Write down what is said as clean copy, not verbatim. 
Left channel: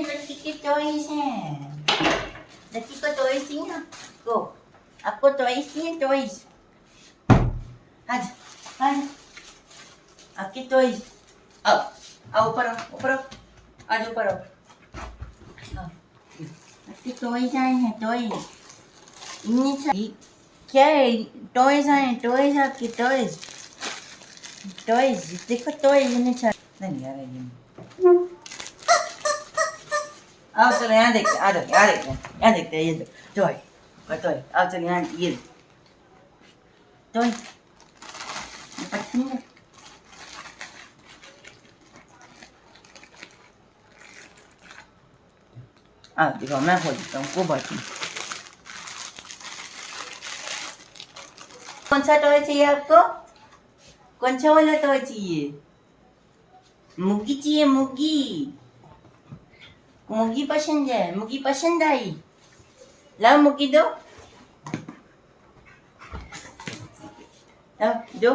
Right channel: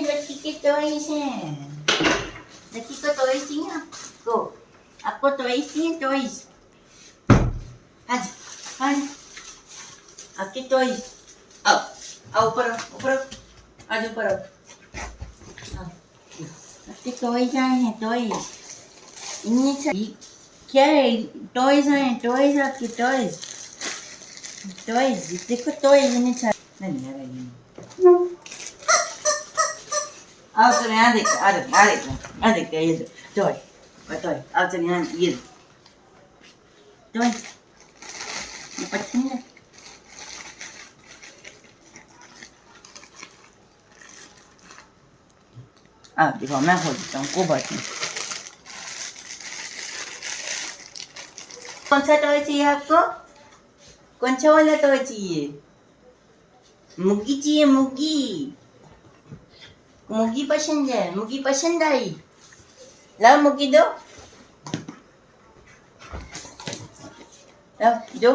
लड़की के टॉयज हैं। लड़की को टॉयज चाहिए आपको? आपको टॉयज चाहिए? टॉयज आज आज आपके टॉयज आओ आओ ऊपर आओ ऊपर आओ आज ऊपर आओ आओ। आपके टॉयज आए हैं टॉयज। इन्हें क्या है? टॉयज आए टॉयज आपके टॉयज टॉयज देखो टॉयज इन्हें चाहिए नहीं आ रही आओ चलो यहाँ देखते आ देखते आ देखते यहाँ देखते ये टॉय टॉय आओ चलो यहाँ ये टॉय ये पसंद है देखो मैं खोल देता हूँ को बात नहीं। कौन सा टॉय चाहिए आपको? कौन सा वाला टॉय चाहिए? मुग्गी चाहिए? मुग्गी मुग्गी पसंद है? मुग्गी पसंद आई? लाओ मुग्गी दो लाओ दो